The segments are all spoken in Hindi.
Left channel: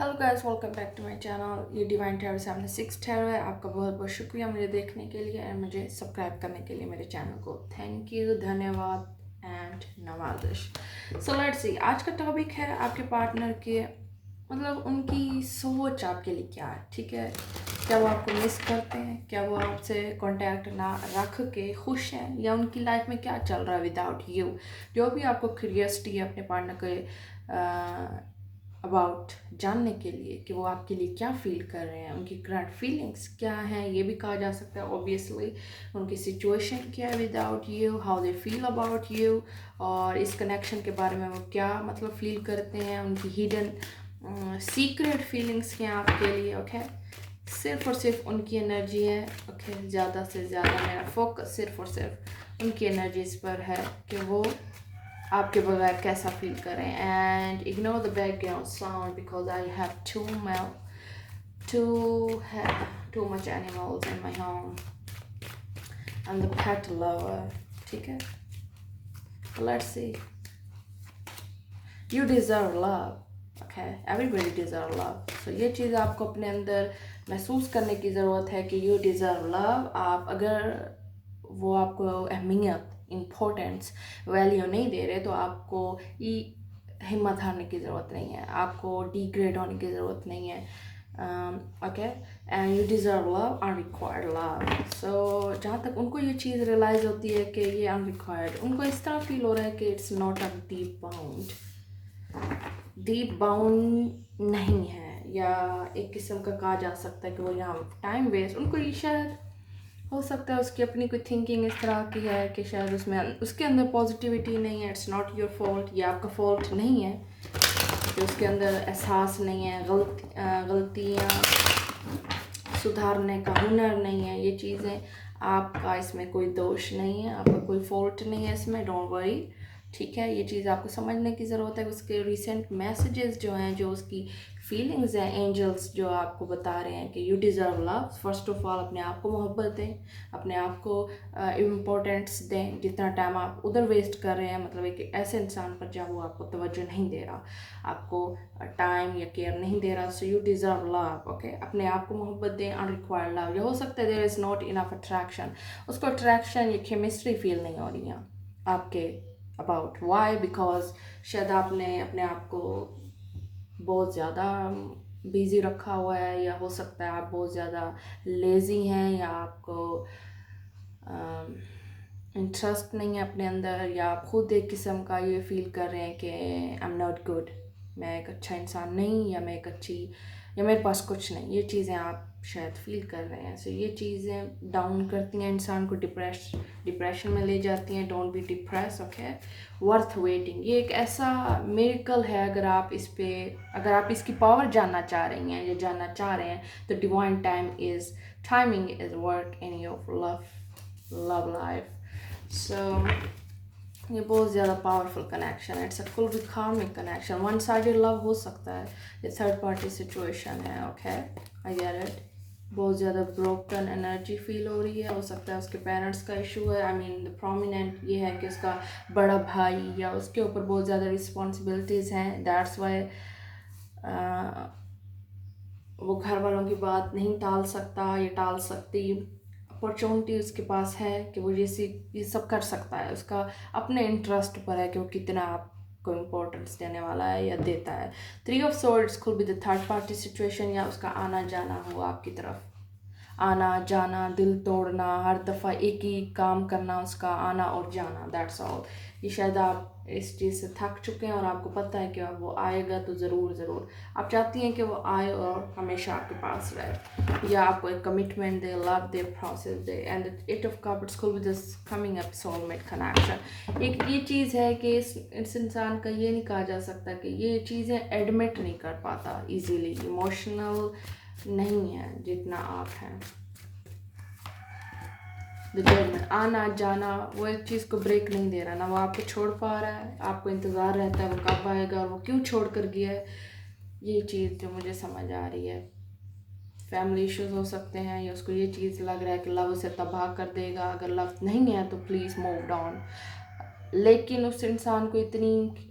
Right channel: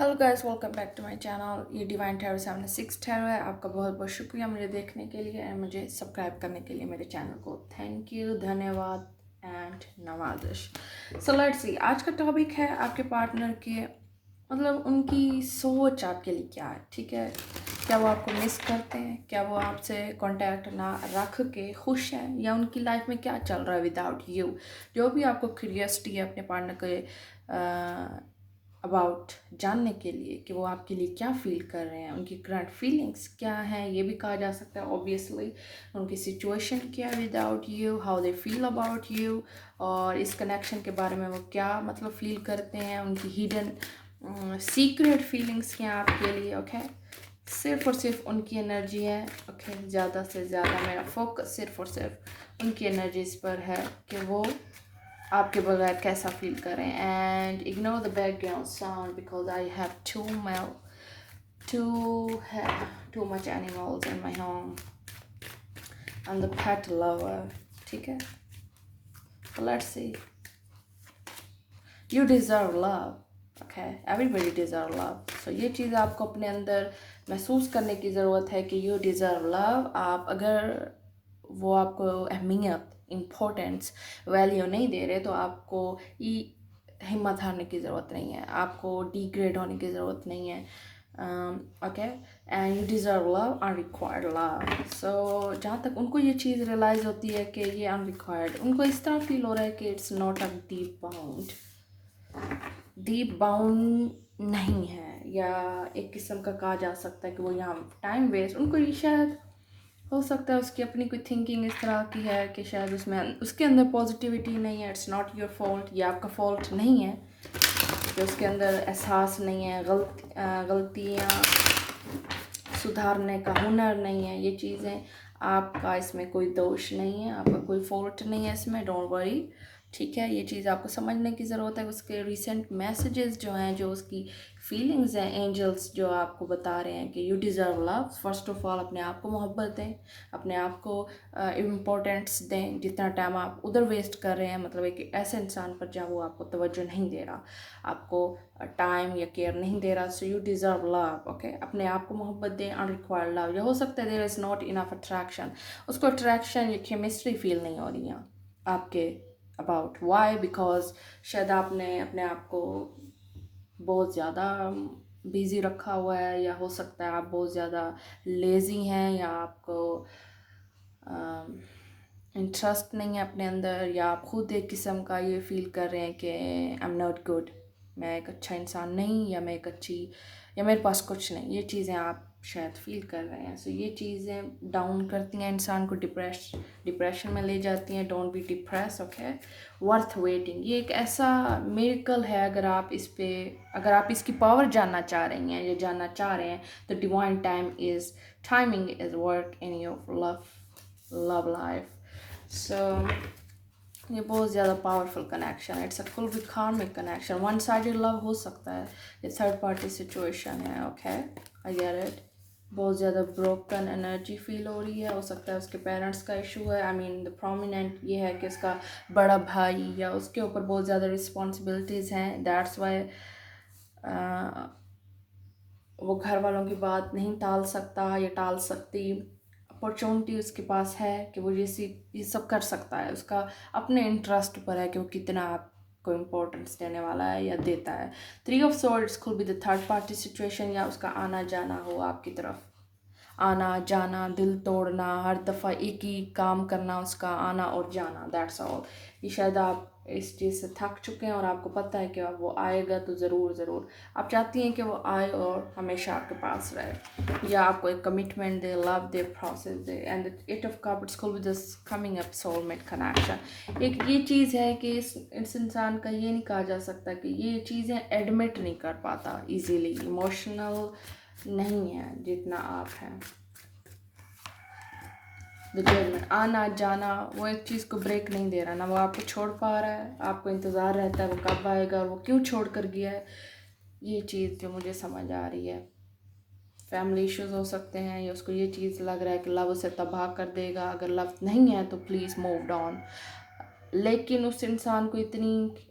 Hello guys, welcome back to my channel. ये डिवाइन टैरो 76 टैरो है। आपका बहुत बहुत शुक्रिया मुझे देखने के लिए और मुझे सब्सक्राइब करने के लिए मेरे चैनल को। थैंक यू, धन्यवाद and Nawazish. So let's see, आज का टॉपिक है आपके पार्टनर के मतलब उनकी सोच आपके लिए क्या है। ठीक है, क्या वो आपको मिस करते हैं, क्या वो आपसे कांटेक्ट ना रख के खुश हैं, या उनकी लाइफ में क्या चल रहा है विदाउट यू। जो भी आपको क्यूरियोसिटी है अपने पार्टनर के अबाउट जानने के लिए कि वो आपके लिए क्या फील कर रहे हैं, उनकी करंट फीलिंग्स क्या हैं, ये भी कहा जा सकता है ऑब्वियसली। उनकी सिचुएशन क्या है without you, how they feel about you, और इस कनेक्शन के बारे में वो क्या मतलब फील करते हैं, उनकी हिडन सीक्रेट फीलिंग्स क्या हैं आपके लिए। ओके, सिर्फ और सिर्फ उनकी एनर्जी है। ओके, ज़्यादा से ज़्यादा मेरा फोकस सिर्फ और सिर्फ उनकी एनर्जीज पर है कि वो आपके बगैर कैसा फील करें। And ignore the background sound because I have too much animals in my home. I am the pet lover. ठीक है, let's see. You deserve love. Okay, everybody deserve love. So ये चीज़ आपको अपने अंदर महसूस करने की ज़रूरत है कि यू डिज़र्व लव। आप अगर वो आपको अहमियत, इम्पोर्टेंस, वैल्यू नहीं दे रहे तो आपको हिम्मत हारने की ज़रूरत नहीं है, आपको डिग्रेड होने की ज़रूरत नहीं है। Okay, and you deserve love, unrequired love. So जहाँ तक उनको ये चीज़ रियलाइज़ होती है कि ये अनरिक्वायर्ड, उनको इस तरह फील हो रहा है कि it's not a deep bound नहीं है, या एक किस्म का कहा जा सकता है कि वो यहाँ टाइम वेस्ट, उनको ये शायद हो सकता है उसकी अपनी कोई थिंकिंग इस तरह की है कि शायद उसमें उसके अंदर पॉजिटिविटी नहीं है। इट्स नॉट योर फॉल्ट, ये आपका फॉल्ट नहीं है कि उसके अंदर एहसास नहीं है, गलतियाँ सुधारने का हुनर नहीं है। ये चीज़ें आपका, इसमें कोई दोष नहीं है, आपका कोई फॉल्ट नहीं है इसमें, डोंट वरी। ठीक है, ये चीज़ आपको समझने की ज़रूरत है। उसके रिसेंट मैसेजेस जो हैं, जो उसकी फीलिंग्स हैं, एंजल्स जो आपको बता रहे हैं कि you deserve love. First of all अपने आप को मोहब्बत दें, अपने आप को इम्पोर्टेंस दें। जितना टाइम आप उधर वेस्ट कर रहे हैं, मतलब एक ऐसे इंसान पर जहाँ वो आपको तवज्जो नहीं दे रहा, आपको टाइम या केयर नहीं दे रहा, so you deserve love. Okay, अपने आप को मोहब्बत दें, अनरिक्वायर्ड लव। या हो सकता है there is not enough attraction, उसको अट्रैक्शन या केमिस्ट्री फील नहीं हो रही है आपके अबाउट। वाई? बिकॉज शायद आपने अपने आप को बहुत ज़्यादा बिज़ी रखा हुआ है, या हो सकता है आप बहुत ज़्यादा लेज़ी हैं, या आपको इंटरेस्ट नहीं है अपने अंदर, या आप खुद एक किस्म का ये फील कर रहे हैं कि आई एम नॉट गुड, मैं एक अच्छा इंसान नहीं, या मैं एक अच्छी, या मेरे पास कुछ नहीं। ये चीज़ें आप शायद फील कर रहे हैं। सो ये चीज़ें डाउन करती हैं इंसान को, डिप्रेशन में ले जाती हैं। Don't be depress. Okay, worth waiting, ये एक ऐसा मिरेकल है। अगर आप इसकी पावर जानना चाह रही हैं या जानना चाह रहे हैं, तो divine timing is work in your love life. So ये बहुत ज़्यादा पावरफुल कनेक्शन है। It's a full karmic connection. One sided love हो सकता है, ये थर्ड पार्टी सिचुएशन है। Okay, I get it. बहुत ज़्यादा ब्रोकन एनर्जी फील हो रही है। हो सकता है उसके पेरेंट्स का इशू है। आई मीन द प्रोमिनेंट ये है कि उसका बड़ा भाई या उसके ऊपर बहुत ज़्यादा रिस्पॉन्सिबिलिटीज़ हैं। दैट्स वाई वो घर वालों की बात नहीं टाल सकता, या टाल सकती। अपॉर्चुनिटी उसके पास है कि वो ये सब कर सकता है। उसका अपने इंटरेस्ट पर है कि वो कितना आपको इम्पोर्टेंस देने वाला है या देता है। 3 of swords could be the third party situation, या उसका आना जाना हो आपकी तरफ, आना जाना, दिल तोड़ना, हर दफ़ा एक ही काम करना, उसका आना और जाना, दैट्स ऑल। ये शायद आप इस चीज़ से थक चुके हैं और आपको पता है कि वो आएगा तो ज़रूर आप चाहती हैं कि वो आए और हमेशा आपके पास रहे, या आपको एक कमिटमेंट दे, लव दे, प्रोसेस दे। And eight of cups could be this coming up soulmate connection. एक ये चीज़ है कि इस इंसान का ये नहीं कहा जा सकता कि ये चीज़ें एडमिट नहीं कर पाता ईजीली, इमोशनल नहीं है जितना आप हैं। द जजमेंट, आना जाना, वो एक चीज़ को ब्रेक नहीं दे रहा ना, वो आपको छोड़ पा रहा है, आपको इंतज़ार रहता है वो कब आएगा और वो क्यों छोड़ कर गया है। ये चीज़ जो मुझे समझ आ रही है, फैमिली इश्यूज हो सकते हैं, या उसको ये चीज़ लग रहा है कि लव उसे तबाह कर देगा। अगर लव नहीं है तो प्लीज़ मूव ऑन। लेकिन उस इंसान को इतनी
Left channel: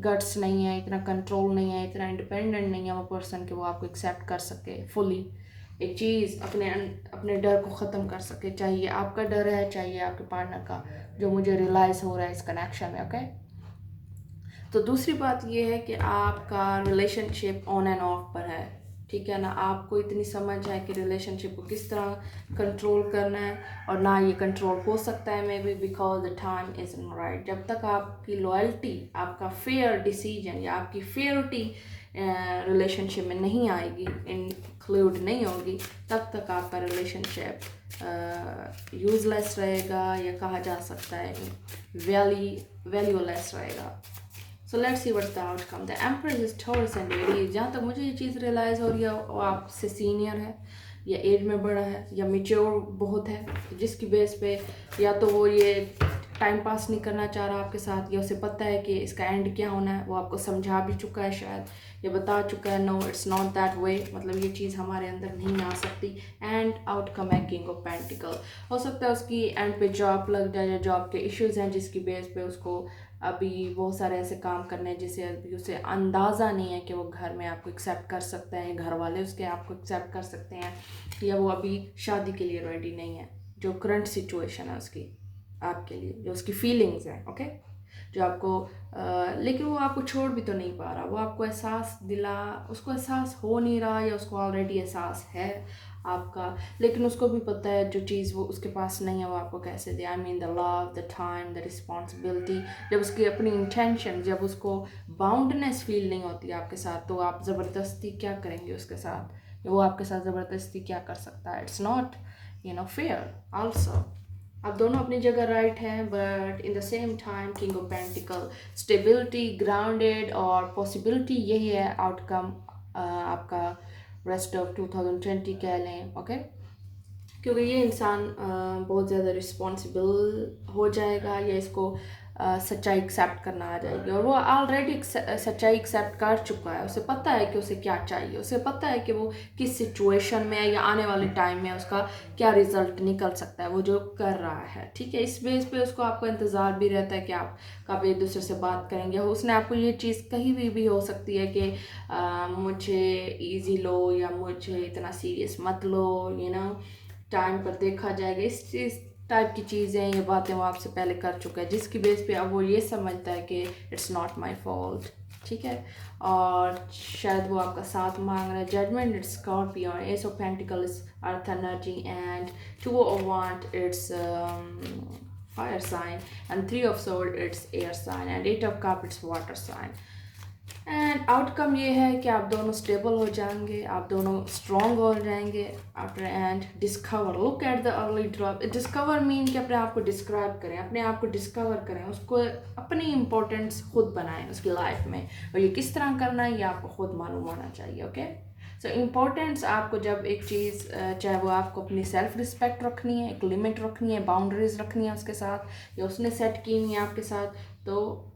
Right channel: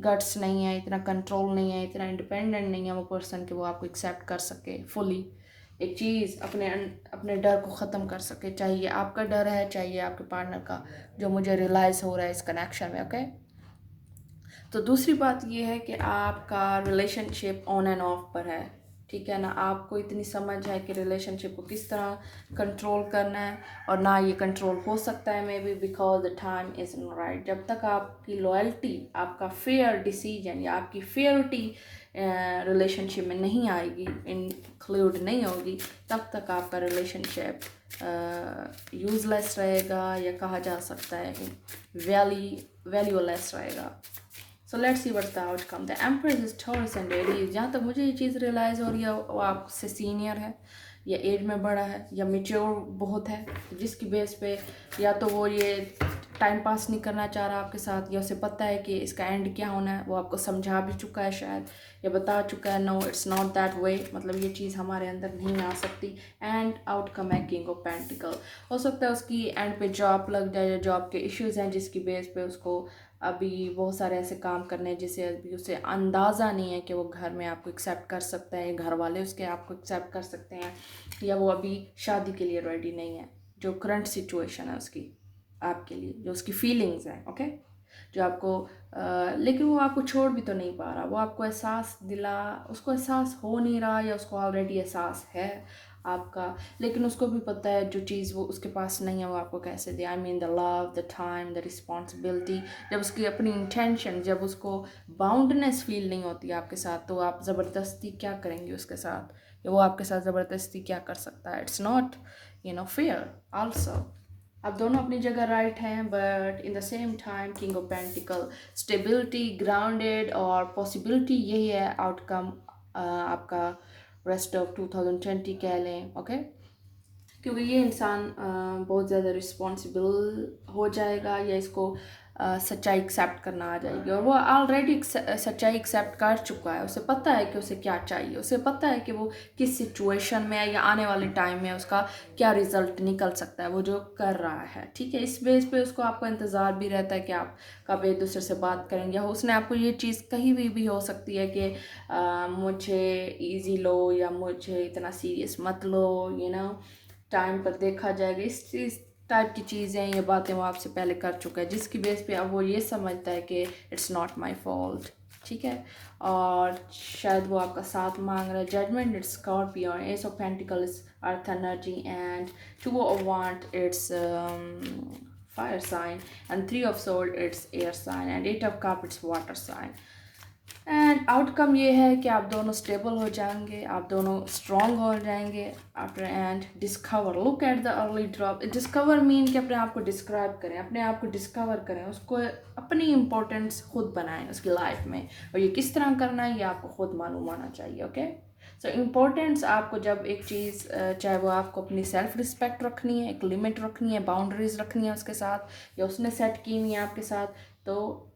गट्स नहीं है, इतना कंट्रोल नहीं है, इतना इंडिपेंडेंट नहीं है वो पर्सन कि वो आपको एक्सेप्ट कर सके फुली एक चीज़, अपने डर को ख़त्म कर सके। चाहिए आपका डर है, चाहिए आपके पार्टनर का, जो मुझे रियलाइज़ हो रहा है इस कनेक्शन में। ओके, तो दूसरी बात ये है कि आपका रिलेशनशिप ऑन एंड ऑफ पर है, ठीक है ना। आपको इतनी समझ है कि रिलेशनशिप को किस तरह कंट्रोल करना है, और ना ये कंट्रोल हो सकता है may be because the time is not right. जब तक आपकी लॉयल्टी, आपका फेयर डिसीजन या आपकी फेयरिटी रिलेशनशिप में नहीं आएगी, इंक्लूड नहीं होगी, तब तक आपका रिलेशनशिप यूजलेस रहेगा, या कहा जा सकता है वैल्यूलेस रहेगा। So let's see what's the outcome. The empress is Taurus and Aries। जहाँ तक मुझे ये चीज़ रियलाइज़ हो रही है, वो आपसे सीनियर है, या एज में बड़ा है, या मेच्योर बहुत है, जिसकी बेस पे या तो वो ये टाइम पास नहीं करना चाह रहा आपके साथ, या उसे पता है कि इसका एंड क्या होना है, वो आपको समझा भी चुका है शायद, या बता चुका है no it's not that way, मतलब ये चीज़ हमारे अंदर नहीं आ सकती। एंड आउटकम है किंग ऑफ पेंटिकल। हो सकता है उसकी एंड पे जॉब लग जाए, या जॉब के इश्यूज हैं जिसकी बेस पे उसको अभी बहुत सारे ऐसे काम करने हैं जिसे अभी उसे अंदाज़ा नहीं है कि वो घर में आपको एक्सेप्ट कर सकता है, घर वाले उसके आपको एक्सेप्ट कर सकते हैं, या वो अभी शादी के लिए रेडी नहीं है। जो करंट सिचुएशन है उसकी आपके लिए, जो उसकी फीलिंग्स हैं, ओके, जो आपको लेकिन वो आपको छोड़ भी तो नहीं पा रहा, वो आपको उसको एहसास हो नहीं रहा, या उसको ऑलरेडी एहसास है आपका, लेकिन उसको भी पता है जो चीज़ वो उसके पास नहीं है वो आपको कैसे दे। I mean the love, the time, the responsibility. जब उसकी अपनी इंटेंशन, जब उसको बाउंडनेस फील नहीं होती आपके साथ, तो आप ज़बरदस्ती क्या करेंगे उसके साथ, या वो आपके साथ ज़बरदस्ती क्या कर सकता है। It's not fair also. आप दोनों अपनी जगह राइट हैं, but in the same time king of pentacle, stability, grounded, और पॉसिबिलिटी यही है आउटकम आपका रेस्ट ऑफ 2020 कह लें। ओके, क्योंकि ये इंसान बहुत ज़्यादा रिस्पॉन्सिबल हो जाएगा, या इसको सच्चाई एक्सेप्ट करना आ जाएगी, और वो ऑलरेडी सच्चाई एक्सेप्ट कर चुका है। उसे पता है कि उसे क्या चाहिए, उसे पता है कि वो किस सिचुएशन में है, या आने वाले टाइम में उसका क्या रिजल्ट निकल सकता है, वो जो कर रहा है, ठीक है। इस बेस पे उसको आपको इंतज़ार भी रहता है कि आप कब एक दूसरे से बात करेंगे। उसने आपको ये चीज़ कहीं भी हो सकती है कि मुझे ईजी लो, या मुझे इतना सीरियस मत लो, टाइम पर देखा जाएगा, इस चीज़ टाइप की चीज़ें, ये बातें वो आपसे पहले कर चुका है, जिसकी बेस पे अब वो ये समझता है कि इट्स नॉट माई फॉल्ट, ठीक है। और शायद वो आपका साथ मांग रहा है। Judgement it's scorpion, ace of pentacle is earth energy, and two of wand it's fire sign, and three of sword it's air sign, and eight of cup it's water sign. And outcome ये है कि आप दोनों स्टेबल हो जाएंगे, आप दोनों स्ट्रॉन्ग हो जाएंगे after. And discover, look at the early drop. Discover mean कि अपने आप को डिस्क्राइब करें, अपने आप को डिस्कवर करें, उसको अपनी इम्पोर्टेंस खुद बनाएं उसकी लाइफ में, और ये किस तरह करना है ये आपको खुद मालूम होना चाहिए। ओके, सो इम्पोर्टेंस आपको जब एक चीज़, चाहे वो आपको अपनी सेल्फ रिस्पेक्ट रखनी है, एक लिमिट रखनी है, बाउंड्रीज रखनी है उसके साथ, या उसने सेट की नहीं है आपके साथ, तो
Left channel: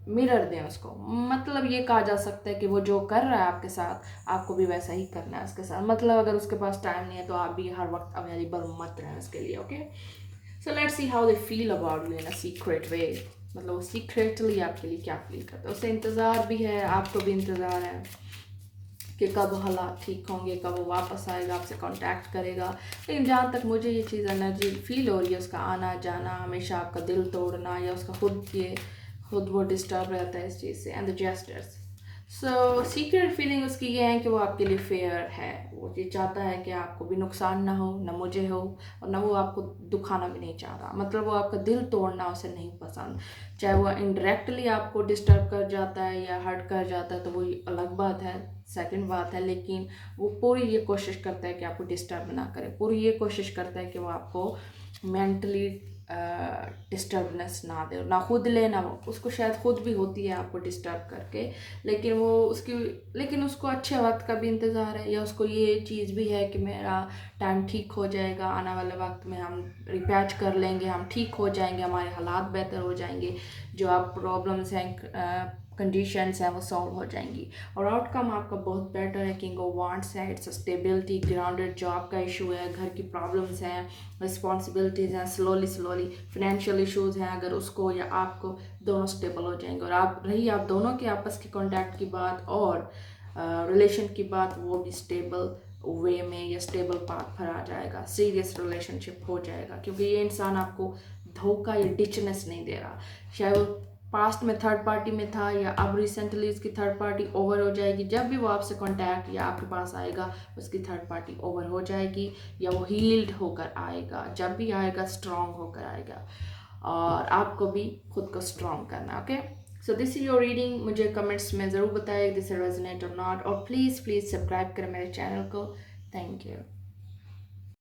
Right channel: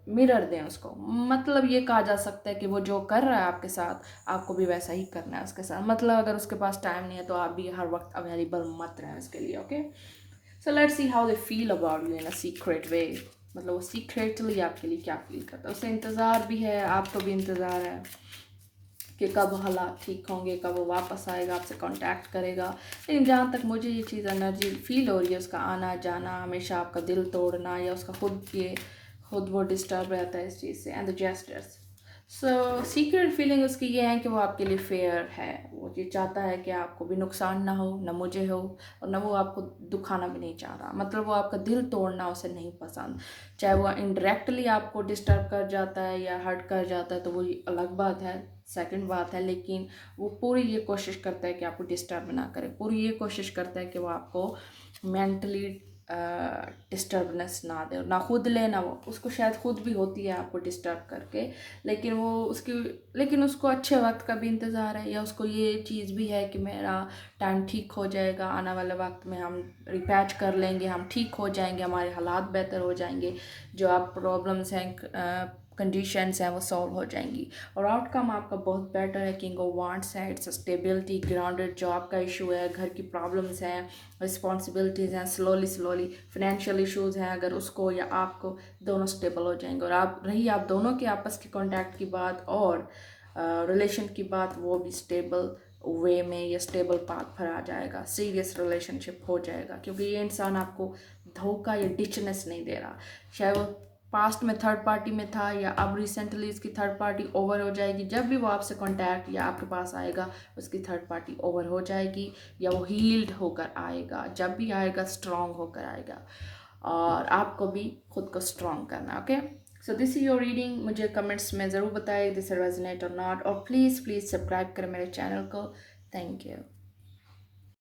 मिरर दें उसको। मतलब ये कहा जा सकता है कि वो जो कर रहा है आपके साथ, आपको भी वैसा ही करना है उसके साथ। मतलब अगर उसके पास टाइम नहीं है तो आप भी हर वक्त अवेलेबल मत रहें उसके लिए। Okay, so let's see how they feel about you in a secret वे। मतलब वो सीक्रेटली आपके लिए क्या फील करता है, उसे इंतज़ार भी है, आपको भी इंतज़ार है कि कब हालात ठीक होंगे, कब वो वापस आएगा, आपसे कांटेक्ट करेगा। लेकिन जहाँ तक मुझे ये चीज़ एनर्जी फील हो रही है, उसका आना जाना, हमेशा आपका दिल तोड़ना, या उसका खुद वो डिस्टर्ब रहता है इस चीज़ से। And the gestures, so secret feeling उसकी ये है कि वो आपके लिए फेयर है, वो ये चाहता है कि आपको भी नुकसान ना हो, ना मुझे हो, और ना वो आपको दुखाना भी नहीं चाह रहा। मतलब वो आपका दिल तोड़ना उसे नहीं पसंद। चाहे वो इनडायरेक्टली आपको डिस्टर्ब कर जाता है या हर्ट कर जाता है तो वो अलग बात है, सेकंड बात है, लेकिन वो पूरी ये कोशिश करता है कि आपको डिस्टर्ब ना करे, पूरी ये कोशिश करता है कि वो आपको मेंटली डिस्टर्बनेस ना दे, ना खुद ले, ना वो उसको शायद खुद भी होती है आपको डिस्टर्ब करके, लेकिन उसको अच्छे वक्त का भी इंतज़ार है, या उसको ये चीज़ भी है कि मेरा टाइम ठीक हो जाएगा, आने वाले वक्त में हम रिपैच कर लेंगे, हम ठीक हो जाएंगे, हमारे हालात बेहतर हो जाएंगे, जो आप प्रॉब्लम्स हैं कंडीशंस हैं वो सॉल्व हो जाएंगी और आउटकम आपका बहुत बेटर है। किंग ऑफ वांड्स है, इट्स स्टेबिलिटी, ग्राउंडेड, जॉब का इशू है, घर की प्रॉब्लम्स हैं, रिस्पॉन्सिबिलिटीज़ हैं, स्लोली फाइनेंशियल इश्यूज़ हैं, अगर उसको या आपको, दोनों स्टेबल हो जाएंगे। और आप दोनों के आपस के कॉन्टैक्ट की बात और रिलेशन की बात, वो भी स्टेबल वे में या स्टेबल पाथ पर आ जाएगा, सीरियस रिलेशनशिप हो जाएगा, क्योंकि ये इंसान आपको धोखा या डिचनेस नहीं दे रहा। शायद वो पास्ट में थर्ड पार्टी में था या अब रिसेंटली उसकी थर्ड पार्टी ओवर हो जाएगी। जब भी वो आपसे कांटेक्ट या आपके पास आएगा उसकी थर्ड पार्टी ओवर हो जाएगी या वो हील्ड होकर आएगा। जब भी आएगा स्ट्रांग होकर आएगा और आपको भी खुद को स्ट्रांग करना। Okay, so this is your reading. मुझे कमेंट्स में ज़रूर बताएं दिस रेजोनेट और नॉट, और प्लीज़ सब्सक्राइब करें मेरे चैनल को। Thank you.